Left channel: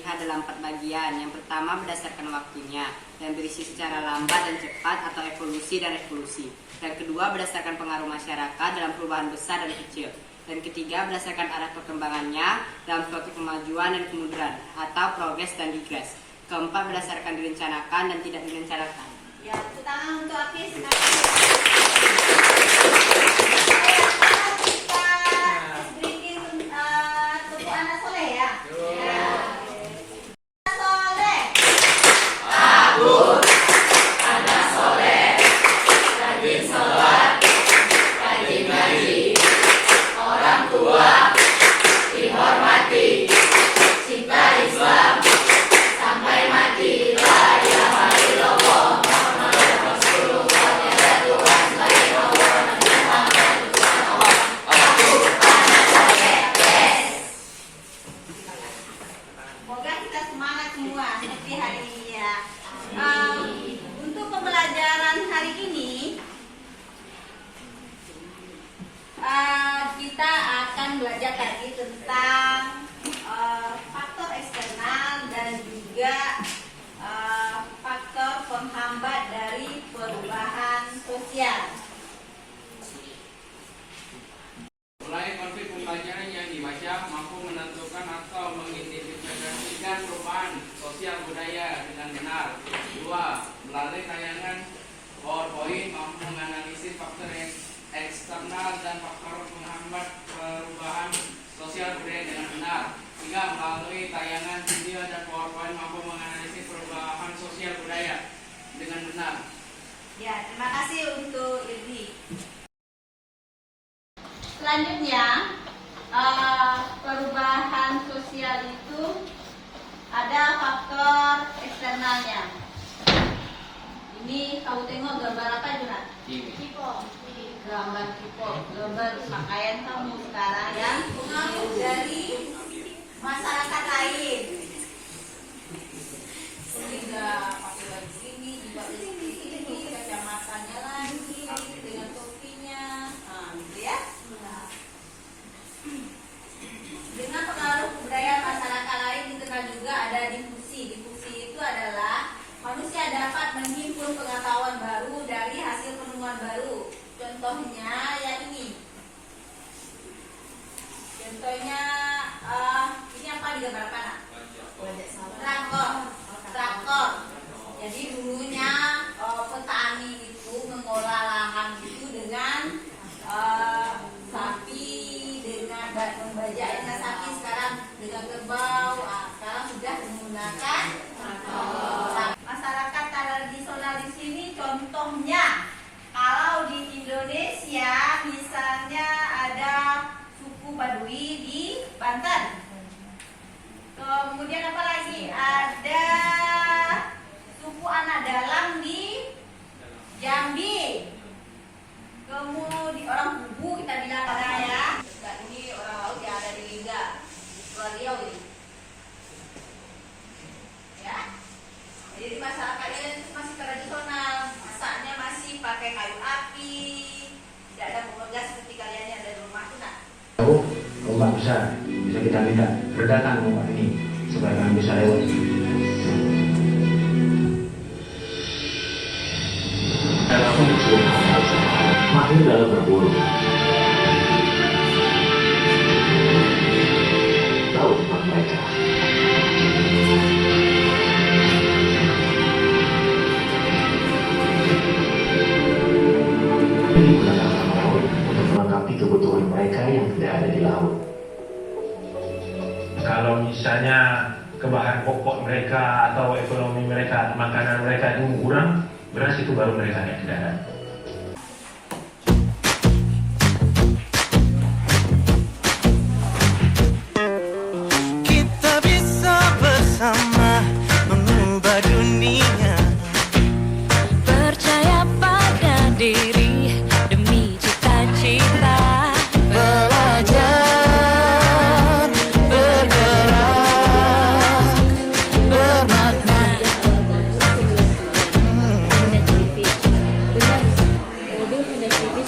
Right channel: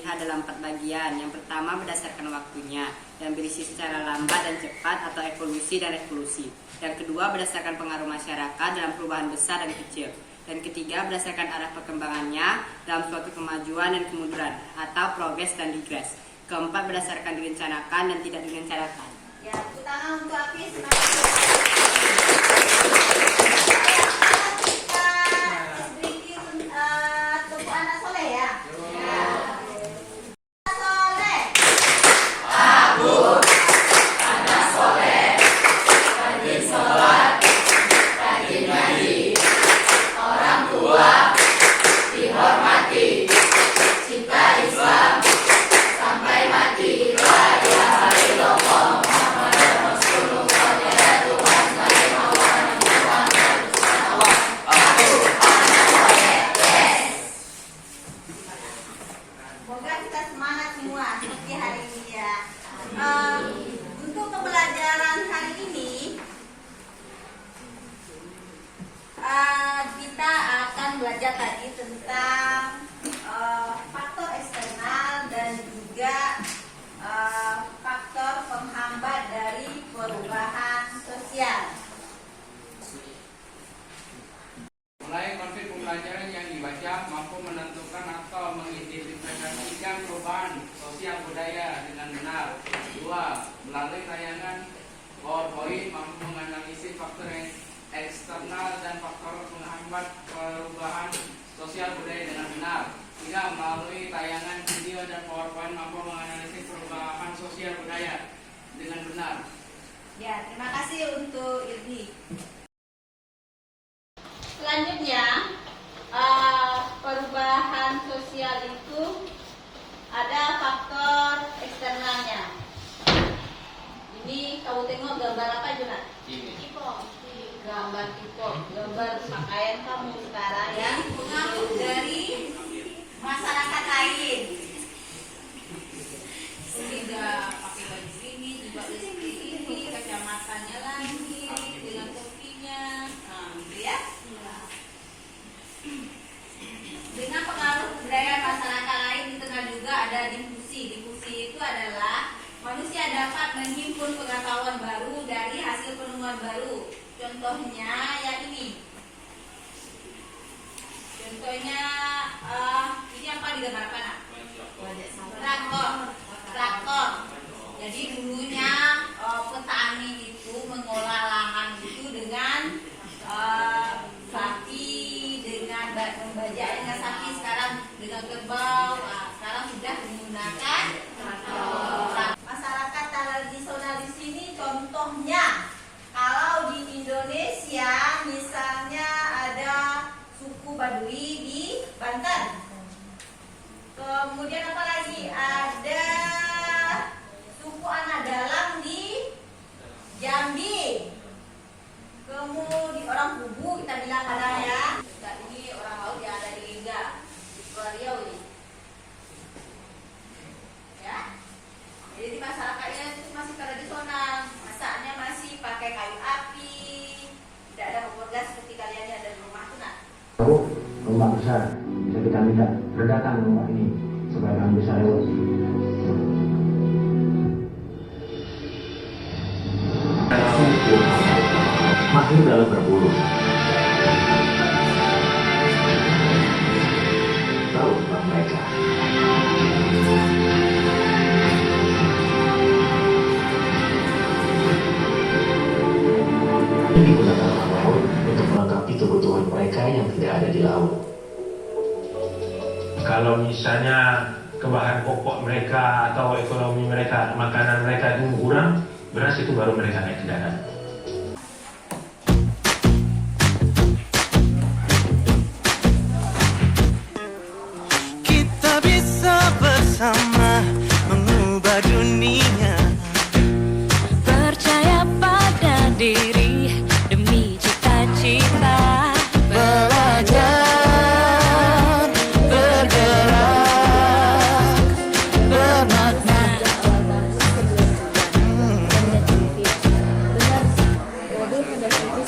terlihat dalam 4 bagian. Yang pertama berdasarkan waktunya, yang berisi secara lambat dan cepat atau evolusi dan revolusi. Yang kedua berdasarkan pengaruh masyarakat dalam perubahan besar dan kecil. Dan ketiga berdasarkan arah perkembangannya dalam suatu kemajuan dan kemunduran atau progres dan digres. Keempat berdasarkan direncanakan dan tidak direncanakan. Ya, tepuk tangan untuk Apis. Semoga kita semangat semua seperti hari ini ya. Untuk pembelajaran hari ini kita akan belajar tadi tentang faktor eksternal dan juga faktor penghambat dari perubahan sosial. Mulai konsep pembelajaran yang dibaca mampu menentukan atau mengidentifikasikan perubahan sosial budaya dengan benar. 2. Melalui tayangan PowerPoint mampu menganalisis faktor eksternal dan faktor penghambat perubahan sosial budaya dengan benar. 3. Melalui tayangan video dan PowerPoint mampu menganalisis perubahan sosial budaya dengan benar. Ya, terima kasih untuk Irdi. Selanjutnya, perubahan sosial itu ada faktor eksternalnya. Ini kamu tengok gambar apa, Jonat? Gambar tipo, gambar pakaian kamu sekarang yang pengaruh dari masyarakat lain. Tidak pakai baju ini, juga ini, kacamatanya lagi, dengan topinya, gitu ya. Dengan pengaruh budaya masyarakat lain dikenal juga ada difusi. Difusi itu adalah manusia dapat menghimpun pengetahuan baru dari hasil penemuan baru. Contohnya yang ini. Contohnya ini apa digambarkan? Traktor. Jadi dulunya petani itu mengolah lahan itu dengan sapi, dengan membajaknya sapi, sekarang dengan kerbau. Sekarang sudah menggunakan masyarakat tradisional di sini. Contohnya kalau di Indonesia misalnya ada suku Baduy di Banten. Kemudian apa lagi? Ada suku anak dalam di Jambi. Kemudian orang Kubu kita bilang ada ya. Dan ini orang laut yang ada di Lingga, di Riau ini. Ya. Jadi masyarakatnya itu masih tradisional, masaknya masih pakai kayu api, tidak ada gas seperti kalian yang ada di rumah tuh nak. Ombak besar, bisa kita minta redakan ombak ini supaya kami bisa lewat. Mahir dalam berburu. Jauh tempat mereka. Ini digunakan orang laut untuk melengkapi kebutuhan mereka yang tidak ada di laut. Kalau misalnya kebahan pokok mereka atau ekonomi mereka, makanan mereka itu kurang, beras itu baru mereka naik ke darat. Kita bisa bersama mengubah dunia. Percaya pada diri demi cita-cita. Belajar, bergerak, bermakna.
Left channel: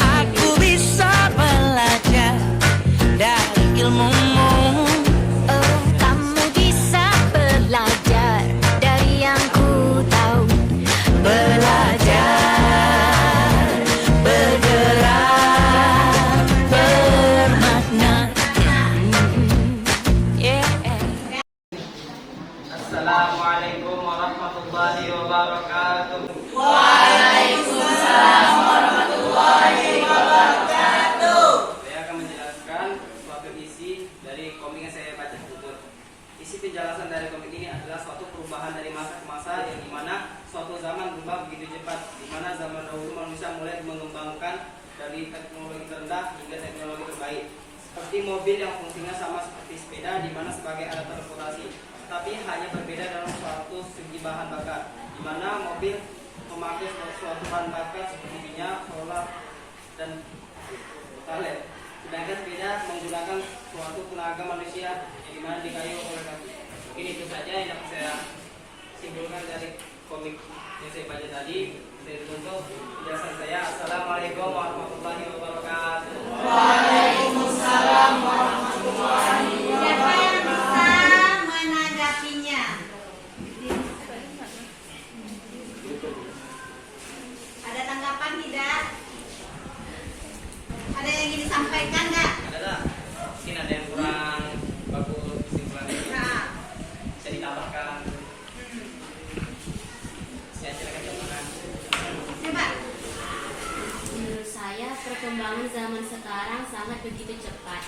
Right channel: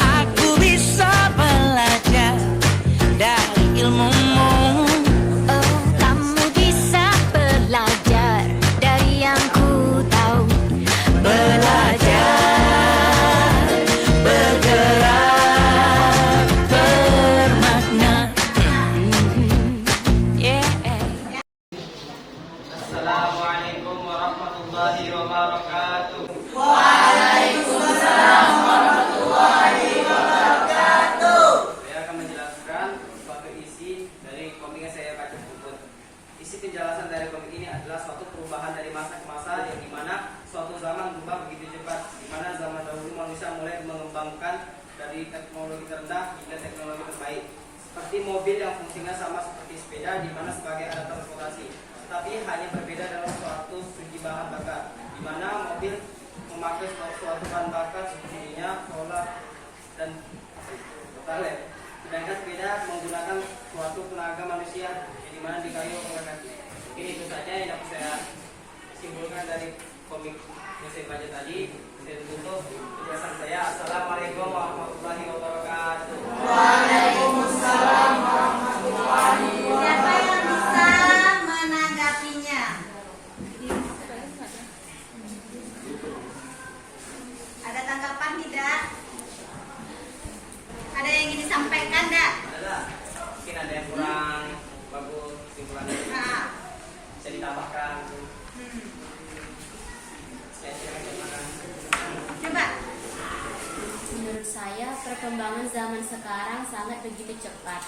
Aku bisa belajar dari ilmumu. Oh, kamu bisa belajar warahmatullahi wabarakatuh. Saya akan menjelaskan suatu isi dari komik yang saya baca tersebut. Isi penjelasan dari komik ini adalah suatu perubahan dari masa ke masa, yang dimana suatu zaman berubah begitu cepat, dimana zaman dahulu manusia mulai mengembangkan dari teknologi terendah hingga teknologi terbaik, seperti mobil yang fungsinya sama seperti sepeda, dimana sebagai alat transportasi, tapi hanya berbeda dalam suatu segi bahan bakar, dimana mobil memakai suatu bahan bakar seperti minyak, solar, dan pertalite, sedangkan sepeda menggunakan suatu tenaga manusia yang dimana dikayu oleh kaki. Mungkin itu saja yang dapat saya simpulkan dari komik yang saya baca tadi. Saya tutup penjelasan saya. Assalamualaikum warahmatullahi wabarakatuh. Waalaikumsalam warahmatullahi wabarakatuh. Siapa yang bisa menanggapinya? Ada tanggapan tidak? Ada yang ingin disampaikan enggak? Adalah mungkin ada yang kurang bagus simpulannya. Nah, Bisa ditambahkan. Saya silakan coba. coba. Menurut saya, perkembangan zaman sekarang sangat begitu cepat.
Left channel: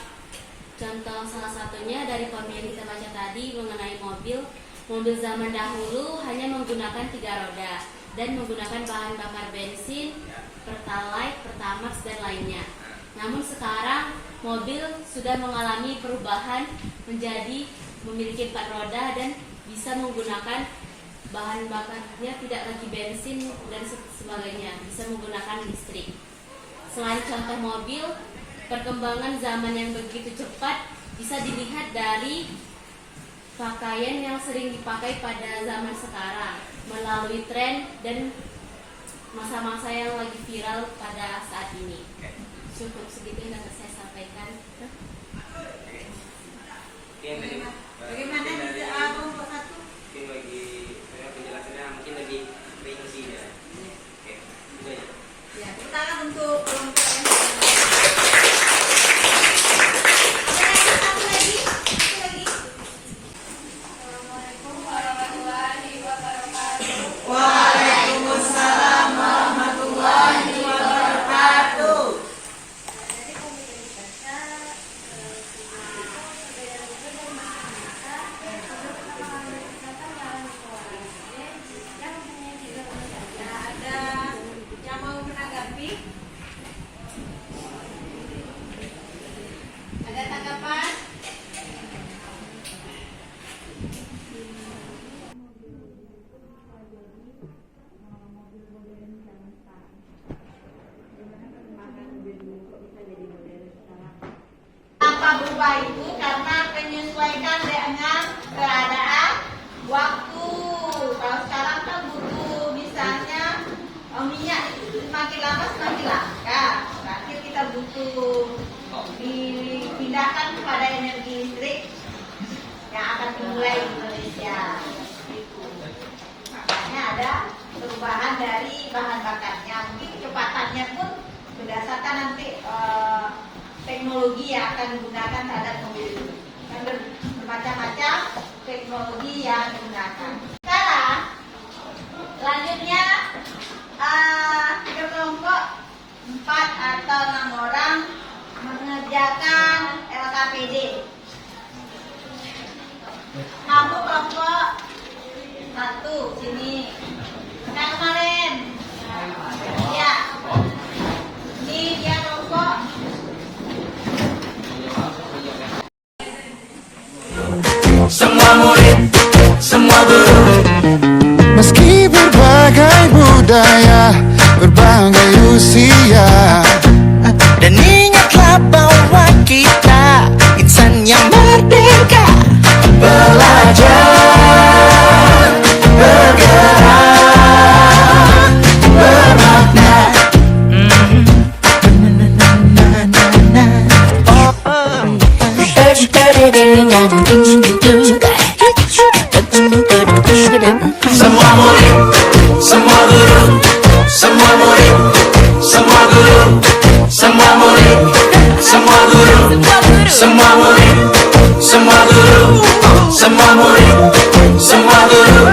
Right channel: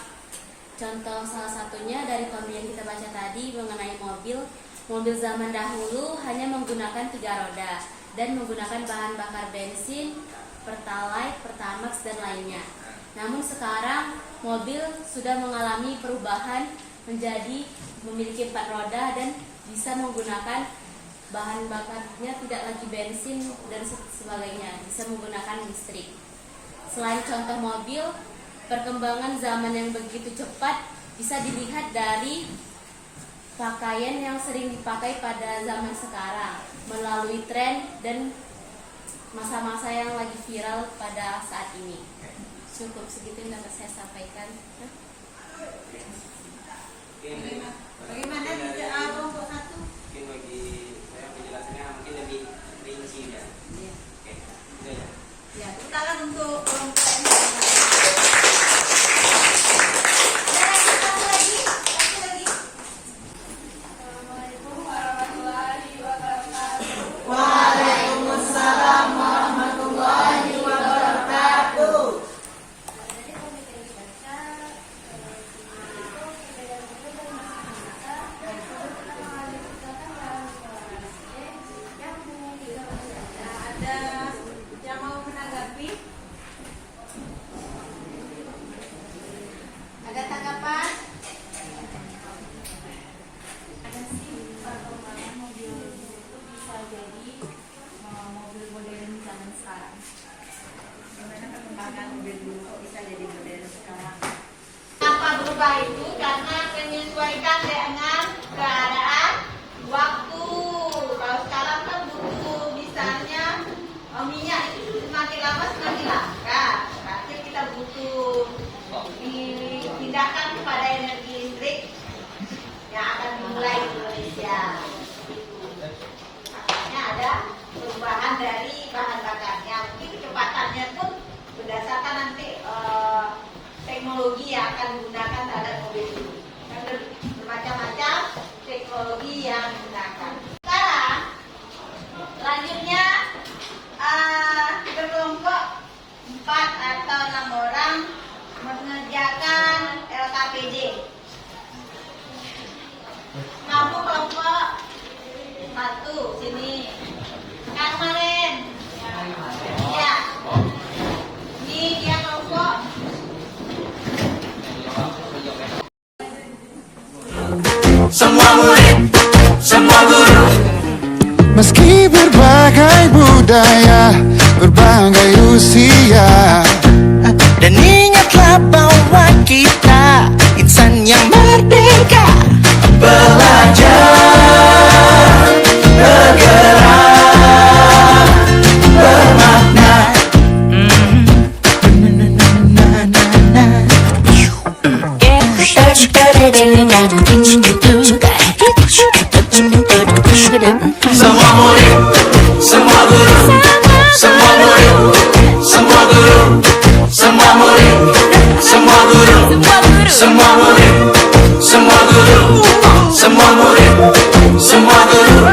Contoh salah satunya dari komik yang kita baca tadi mengenai mobil. Mobil zaman dahulu hanya menggunakan 3 roda dan menggunakan bahan bakar bensin, pertalite, pertamax, dan lainnya. Namun sekarang mobil sudah mengalami perubahan menjadi memiliki 4 roda dan bisa menggunakan bahan bakarnya tidak lagi bensin dan sebagainya, bisa menggunakan listrik. Selain contoh mobil, perkembangan zaman yang begitu cepat bisa dilihat dari pakaian yang sering dipakai pada zaman sekarang melalui tren dan masa-masa yang lagi viral pada saat ini. Cukup segitu yang dapat saya sampaikan. Bagaimana kelompok satu? Mungkin bagi saya penjelasannya mungkin lebih rinci ya. Oke, itu aja. Ya, silakan untuk kelompok yang satu lagi. Assalamualaikum warahmatullahi wabarakatuh. Waalaikumsalam warahmatullahi wabarakatuh. Jadi komik yang dibaca perbedaan mobil dan masa dan pertama kali dikatakan dalam sekolah SD yang mempunyai 3 roda. Ada yang mau menanggapi? Ada tanggapan? Mobil bisa jadi mobil modern zaman sekarang. Gimana perkembangan mobil dulu kok bisa jadi modern sekarang? Apa berubah itu karena penyesuaikan dengan keadaan waktu. Kalau sekarang kan butuh misalnya minyak itu semakin lama semakin langka. Berarti kita butuh dipindahkan kepada energi listrik yang akan dimulai di Indonesia. Makanya ada perubahan dari bahan bakarnya. Mungkin kecepatannya pun berdasarkan nanti teknologi yang akan digunakan terhadap mobil itu. Kan bermacam-macam teknologi yang digunakan. Sekarang selanjutnya berkelompok 4 atau 6 orang mengerjakan LKPD. Kamu kelompok 1 sini. Yang kemarin. Ya. Ini dia kelompok. Semua murid, semua guru, Meski berbagai budaya, berbagai usia, dan ingatlah bahwa kita insan yang merdeka. Belajar, bergerak, bermakna. semua murid, semua guru, semua murid, semua guru, semua murid, semua guru, semua murid, semua guru, semua murid, semua guru.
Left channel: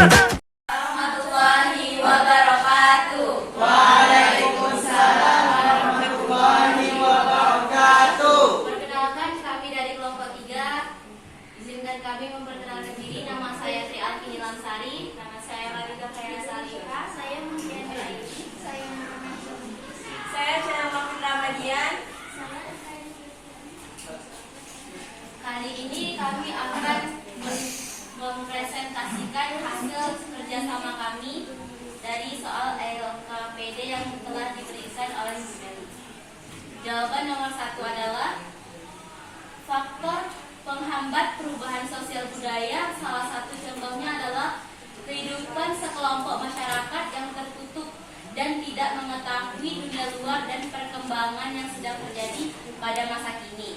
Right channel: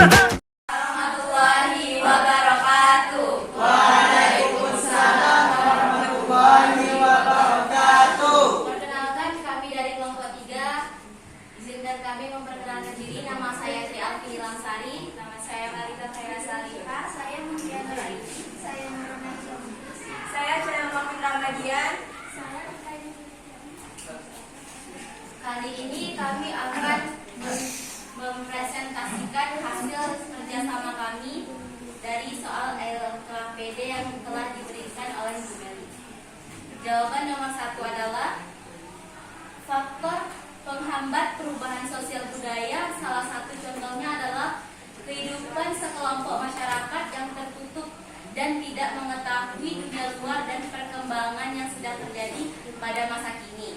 sekalian, kali ini kami akan mempresentasikan hasil kerjasama kami dari soal LKPD yang telah diberikan oleh Bu Meli. Jawaban nomor 1 adalah faktor penghambat perubahan sosial budaya. Salah satu contohnya adalah kehidupan sekelompok masyarakat yang tertutup dan tidak mengetahui dunia luar dan perkembangan yang sedang terjadi pada masa kini.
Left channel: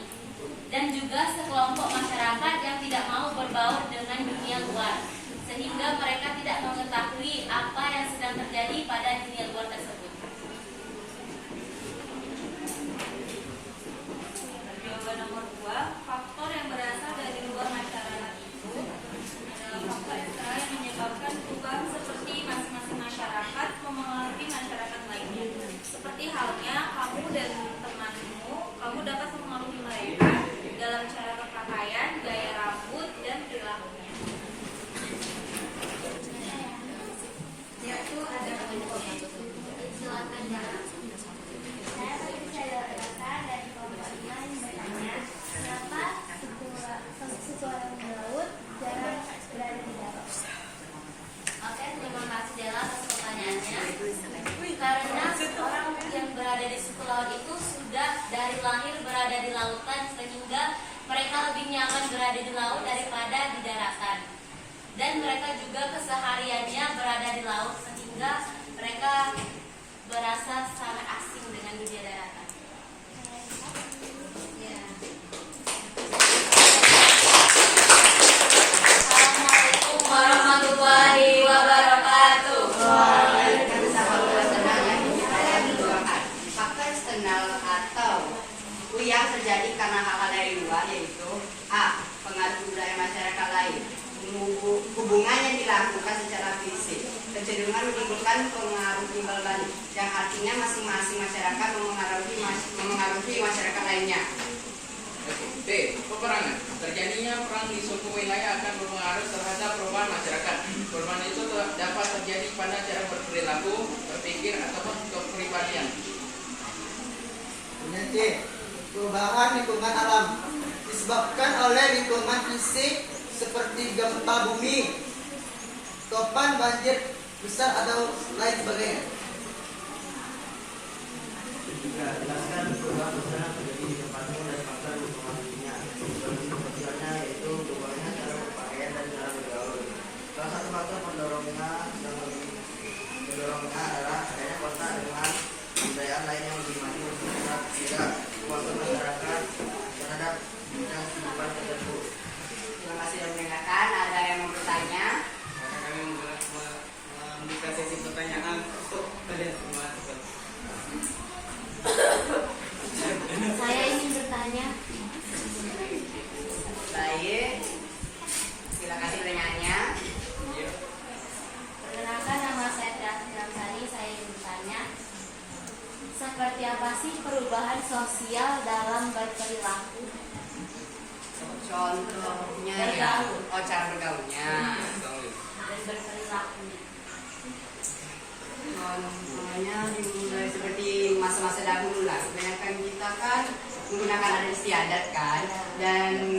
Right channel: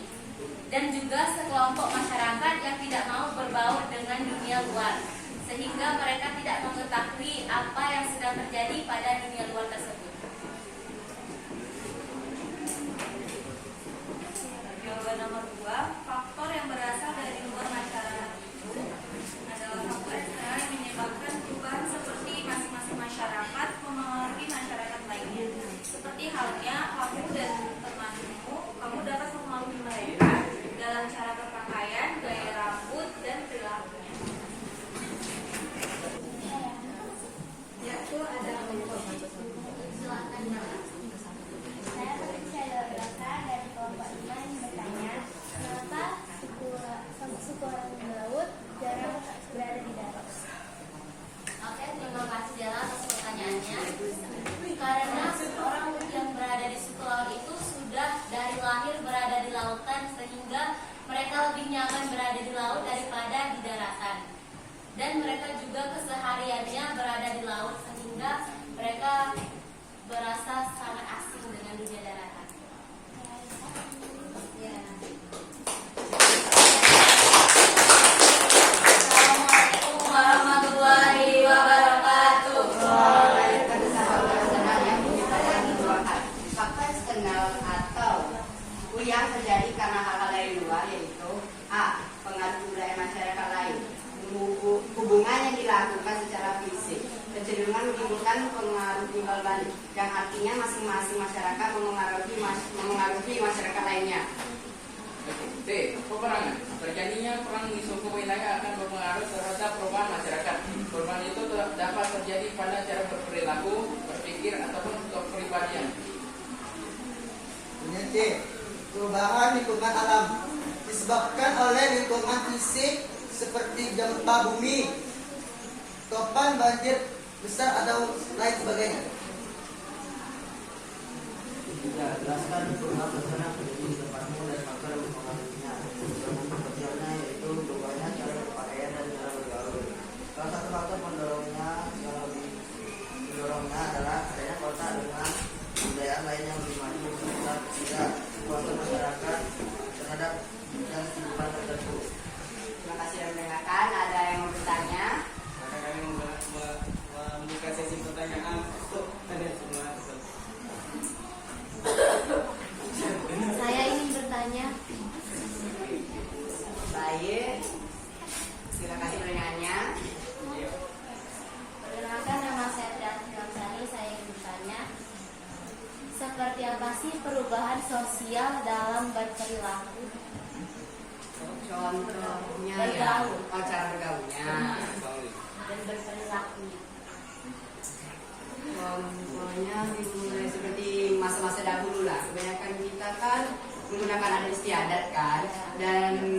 Dan juga sekelompok masyarakat yang tidak mau berbaur dengan dunia luar, sehingga mereka tidak mengetahui apa yang sedang terjadi pada dunia luar tersebut. jawaban nomor 2, faktor yang berasal dari luar masyarakat itu adalah faktor eksternal yang menyebabkan perubahan seperti masing-masing masyarakat mempengaruhi masyarakat lainnya. Seperti halnya kamu dan temanmu, kamu dapat mempengaruhi mereka dalam cara berpakaian, gaya rambut, dan perilakunya. Yaitu ada Silakan ya. Saya berasal dari kelompok 5 yang bertanya, kenapa suku laut jarang berada di darat? Oke, terima kasih Jala atas pertanyaannya. Karena orang yang berada di suku laut itu sudah dari lahir berada di lautan, sehingga mereka lebih nyaman berada di laut daripada di daratan. Dan mereka juga kesehariannya berada di laut, sehingga mereka berasa sangat asing dengan dunia daratan. Ya. Assalamualaikum warahmatullahi wabarakatuh. Faktor eksternal atau yang terjadi karena hal-hal dari luar yaitu A. Pengaruh budaya masyarakat lain. Hubungan yang dilakukan secara fisik kecenderungan menimbulkan pengaruh timbal balik yang artinya masing-masing masyarakat memengaruhi masyarakat lainnya. B. Peperangan. Terjadinya perang di suatu wilayah akan berpengaruh terhadap perubahan masyarakat. Perubahan itu dapat terjadi pada cara berperilaku, berpikir, ataupun kepribadian. C. Perubahan lingkungan alam disebabkan oleh lingkungan fisik seperti gempa bumi, topan, banjir besar atau lain sebagainya. Jelaskan perubahan besar yang terjadi di tempatmu dan faktor yang mempengaruhinya. Bentuk kecilnya yaitu perubahannya cara berpakaian dan cara bergaul. Salah satu faktor mendorongnya adalah adanya kota dengan budaya lain yang lebih maju. Tidak faktor masyarakat terhadap bidang kehidupan tertentu. Terima kasih sudah mendengarkan. Ada yang mau bertanya? Maka kami membuka sesi pertanyaan untuk kalian semua. Saya ingin bertanya. Baik. Silakan pertanyaannya. Perkenalkan, nama saya Davi Ramsani. Saya ingin bertanya, seperti apa sih perubahan sosial dalam berperilaku? Contohnya Bergaul. ya. Oh, cara bergaulnya. Dan berperilakunya. Contohnya dimulai seperti masa-masa dahulu lah. Kebanyakan kita kan menggunakan adat istiadat kan. Dan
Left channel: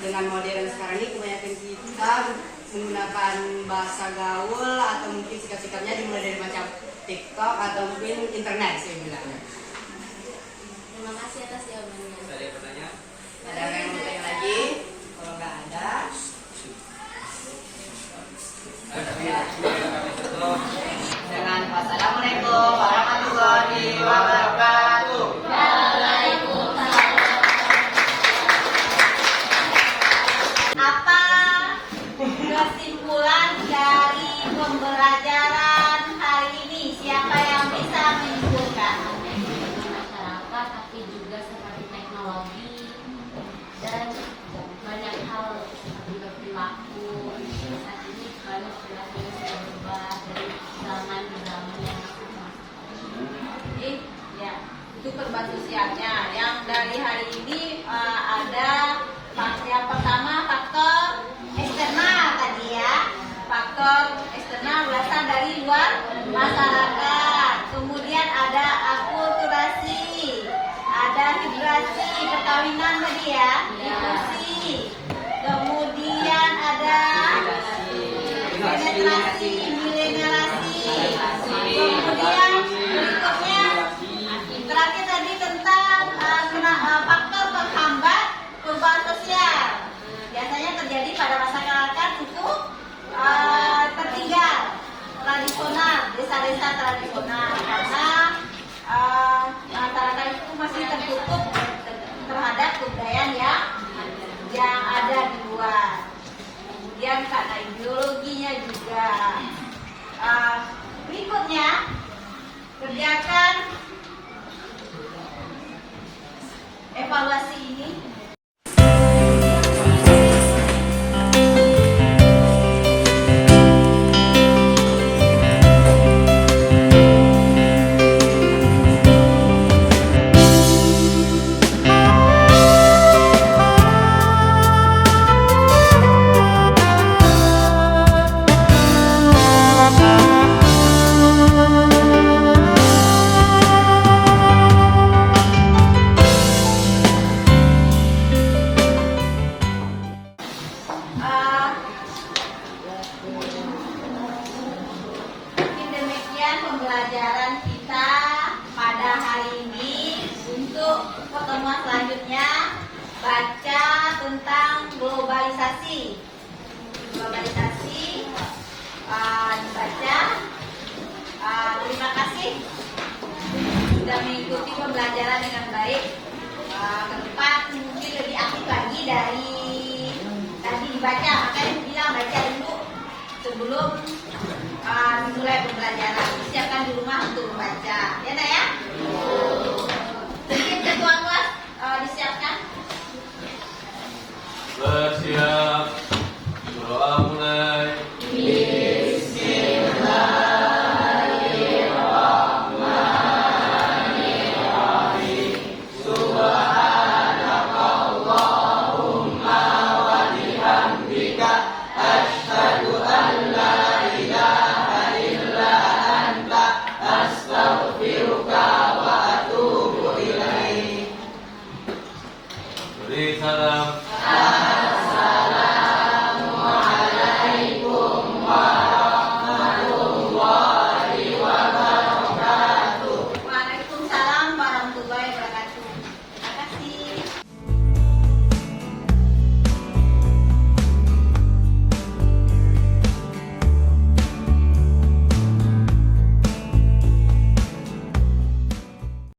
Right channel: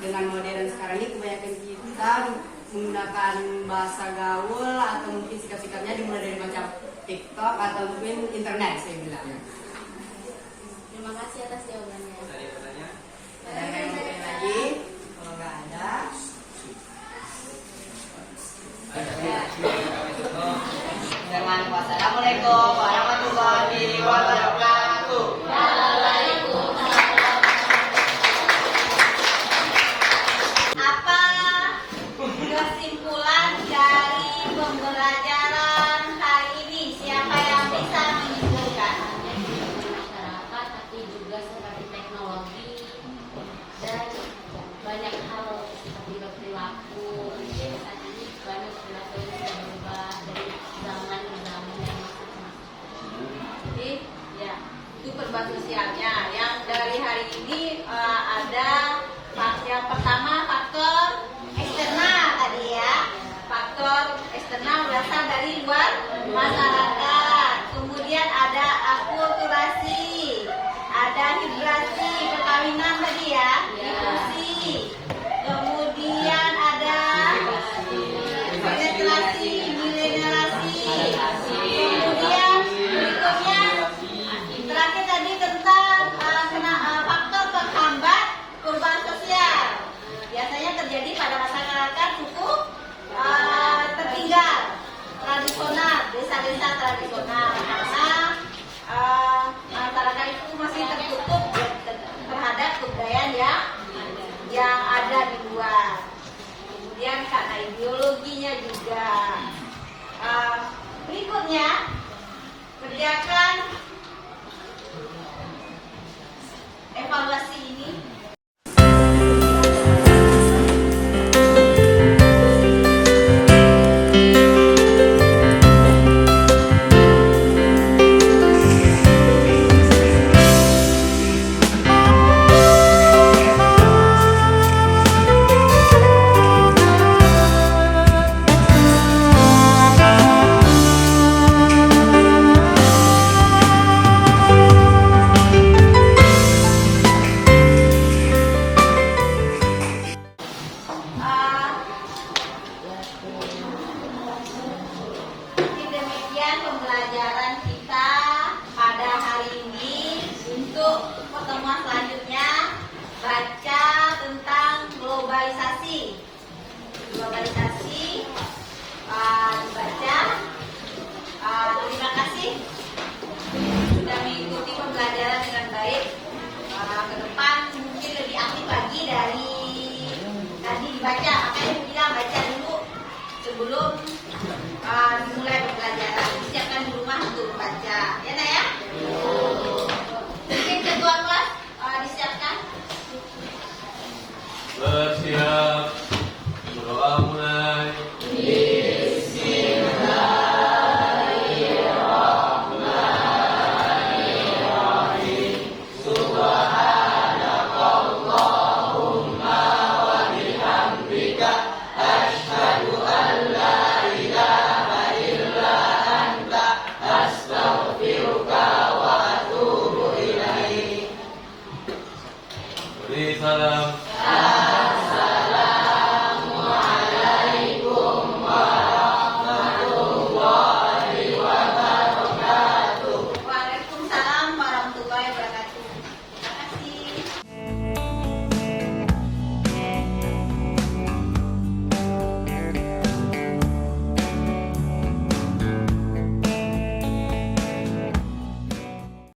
dengan modern sekarang ini kebanyakan kita menggunakan bahasa gaul atau mungkin sikap-sikapnya dimulai dari macam TikTok atau mungkin internet saya bilangnya. Terima kasih atas jawabannya. Ada yang bertanya? Ada yang mau tanya lagi? Kalau nggak ada, dengan wassalamualaikum warahmatullahi wabarakatuh. Apa kesimpulan dari pembelajaran hari ini? Siapa yang bisa menyimpulkan? Masyarakat, tapi juga seperti teknologi dan banyak hal seperti berperilaku. Mungkin saat ini banyak perilaku yang sudah berubah dari zaman ke zaman yang masing-masing. Jadi, Ya, itu perbatasannya. Yang dari hari ini ada yang pertama faktor eksternal tadi ya. Faktor eksternal berasal dari luar masyarakat. Kemudian ada akulturasi. tadi ya, inklusi. Kemudian ada penetrasi, milenialisasi. Kemudian berikutnya terakhir tadi tentang faktor penghambat perubahan sosial. Biasanya terjadi pada masyarakat suku tertinggal, tradisional, desa-desa tradisional, karena masyarakat itu masih tertutup terhadap kebudayaan yang ada di luar. Kemudian karena ideologinya juga. Berikutnya kerjakan evaluasi ini. Pembelajaran kita pada hari ini. Untuk pertemuan selanjutnya, baca tentang globalisasi. Globalisasi dibaca. Terima kasih sudah mengikuti pembelajaran dengan baik. Ke depan mungkin lebih aktif lagi dari tadi dibaca. Makanya bilang baca dulu sebelum dimulai pembelajaran. Siapkan di rumah untuk membaca, ya nak ya. Mungkin ketua kelas disiapkan. Bersiap, doa mulai. Beri salam.